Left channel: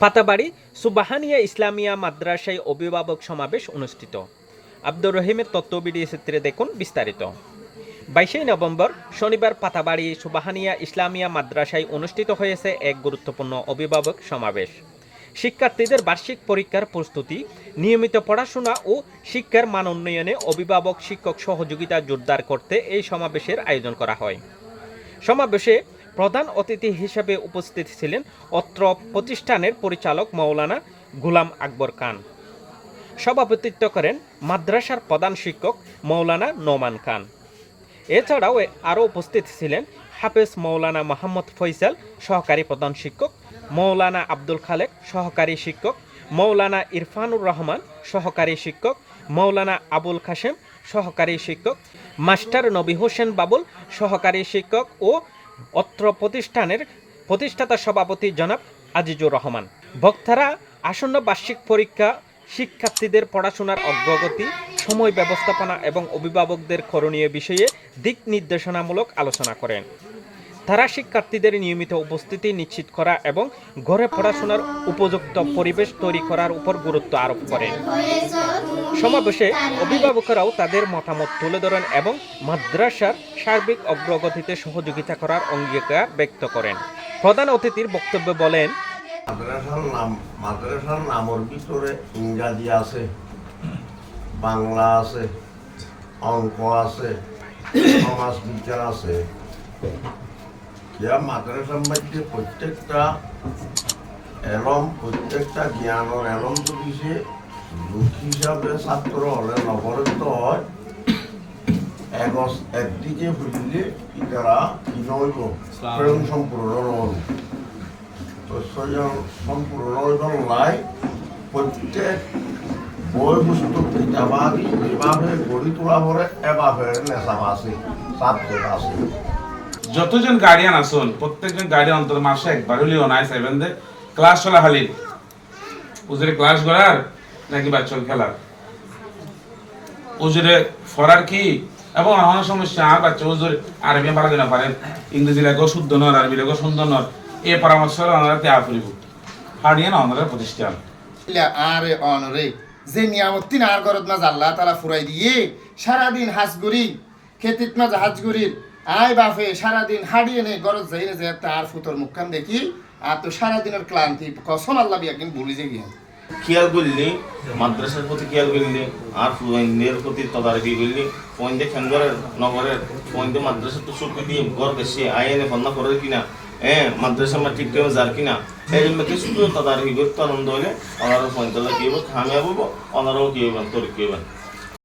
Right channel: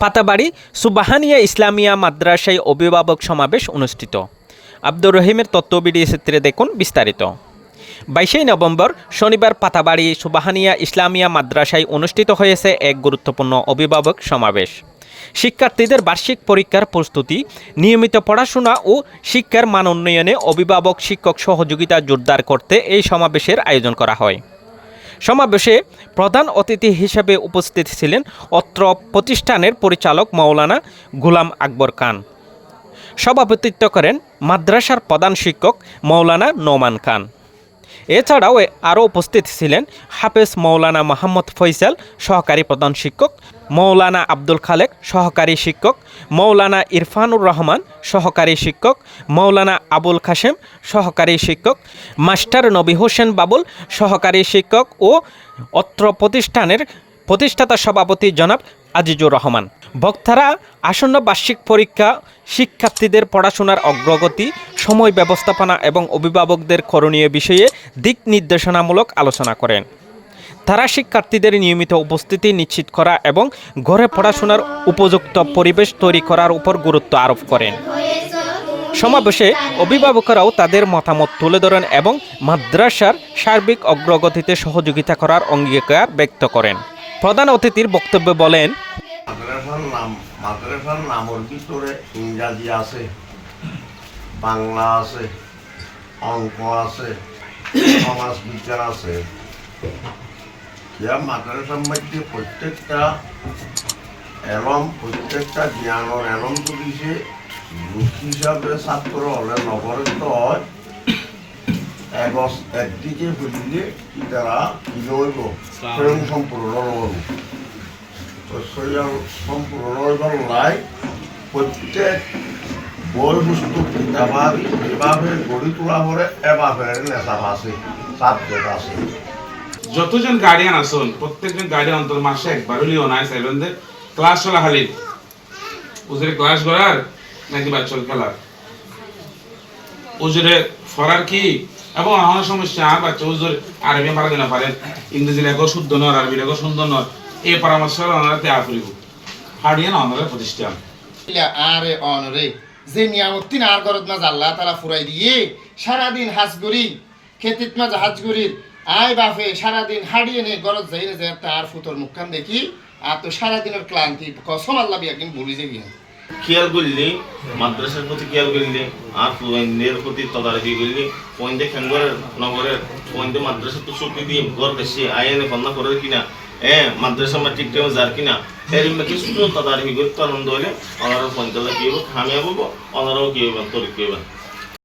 পাতাবাড়ি সুবাহানিয়া ইসলামিয়া মাদ্রাসায় অভিভাবক সমাবেশ অনুষ্ঠিত। আব্দুর রহিমের তথ্যভিডিও চিত্রে দেখুন বিস্তারিত। 22 নভেম্বর শনিবার পাতাবাড়ি সুবাহানিয়া ইসলামিয়া মাদ্রাসায় অনুষ্ঠিত হয়েছে এক গুরুত্বপূর্ণ অভিভাবক সমাবেশ। শিক্ষার্থীদের বার্ষিক পরীক্ষার প্রস্তুতি, নিয়মিত পড়াশোনা ও শিক্ষার মান উন্নয়নে অভিভাবক শিক্ষক সহযোগিতা জোরদার করতে এই সমাবেশের আয়োজন করা হয়। সমাবেশে প্রধান অতিথি হিসেবে উপস্থিত ছিলেন অত্র প্রতিষ্ঠানের পরিচালক মাওলানা গোলাম আকবর খান। সভাপতিত্ব করেন মাদ্রাসার প্রধান শিক্ষক মাওলানা নোমান খান। এছাড়াও আরও উপস্থিত ছিলেন হাফেজ মাওলানা মোহাম্মদ ফয়সাল সহকারী প্রধান শিক্ষক, মাওলানা আব্দুল খালেক সহকারী শিক্ষক, মাওলানা ইরফানুর রহমান সহকারী শিক্ষক, মাওলানা আবুল কাশেম সহকারী শিক্ষক, মাস্টার নবী হোসেন বাবুল সহকারী শিক্ষক ও অত্র প্রতিষ্ঠানের প্রতিষ্ঠাতা সভাপতি জনাব আজিজুর রহমান। বক্তারা আসন্ন বার্ষিক পরীক্ষা, শিক্ষার্থীদের পড়াশোনার অগ্রগতি, সময় ব্যবস্থাপনা এবং অভিভাবকদের করণীয় বিষয়ে দিক নির্দেশনামূলক আলোচনা করেন। তারা শিক্ষার্থীদের নিয়মিত উপস্থিতি নিশ্চিত করা এবং ঘরে পড়াশোনার উপযুক্ত পরিবেশ তৈরি করার উপর গুরুত্ব আরোপ করেন। সমাবেশে অভিভাবকরাও তাদের মতামত তুলে ধরেন এবং মাদ্রাসার সার্বিক অগ্রগতিতে সহযোগিতা করার অঙ্গীকার ব্যক্ত করেন। প্রধান অতিথির বক্তব্যে বলেন, মাদ্রাসার নামের ভিতরে ইংরাজি আছে, বাংলা আছে, অঙ্ক আছে, সমাজ বিজ্ঞান আছে। মাদ্রাসার মধ্যে প্রত্যেকটা জ্ঞানের এলম যদি সে লোক হিসাবে ছাত্র হলে নবরত হয়, একদিকে বুঝলে কি তারা কি নইব প্রেম সম্পূর্ণ নব সম্পূর্ণ নইবার লাই প্রত্যেক বই বস্তু কিতাবাদি যেভাবে গড়ি তোলা পরে এভাবে নেশা আছে, সাবজেক্ট আছে। যতজন গার্ডিয়ান আসুন, প্রত্যেকজন গার্ডিয়ান অন্তর মাসে একবার হলেও নাই সেভেনদের ক্লাস চলা খালি উজরে ক্লাস করার নাকি বাচ্চা খেলার উজরে ফরার কি এবং আমার সমস্যা আর বাচ্চা উজর আরবি পারা দিনা পারেন, ইংরেজি লেখো শুদ্ধ নয়, আরবি লেখো সুন্দর নয়, এই পরামর্শ আমরা ত্যাগ করিব হারিয়ে না আমাদের প্রতিষ্ঠান আরে অনরে যে নিয়ামতিন আর গরদ মাঝ আল্লাহ তালা ফুরাই দিয়ে সারাদিন হাজগুড়ি খেতিত মাঝ হাজগুড়ির আয় বাপে সারাদিন হারিয়ে নে গরজ যাই যে তার ফুতর মুখখান দেখি আর তো সারাদিনের ক্লান্তি কসম আল্লাহ বিয়াকিন ভুলি যে গিয়ে খেয়াল করলি মাদ্রাসার প্রতি খেয়াল করলি আর ফুয়ের প্রতি তদারকি করলি ফোনদে খেঙ্গরের নগরের ফোনদে মাদ্রাসা তো চুক্তি দিয়ে ঘর দেশে আইনে ফন্না করে কিনা মাদ্রাসা আমার ঠিক টাইমে যার কিনা এর মধ্যে শুধু তদারকি করতে আনন্দ হলে ওনারও ফোন তাহলে কি হবে খামিয়া বলবো, ওনারাও কি হবেন তোর কি হবেন।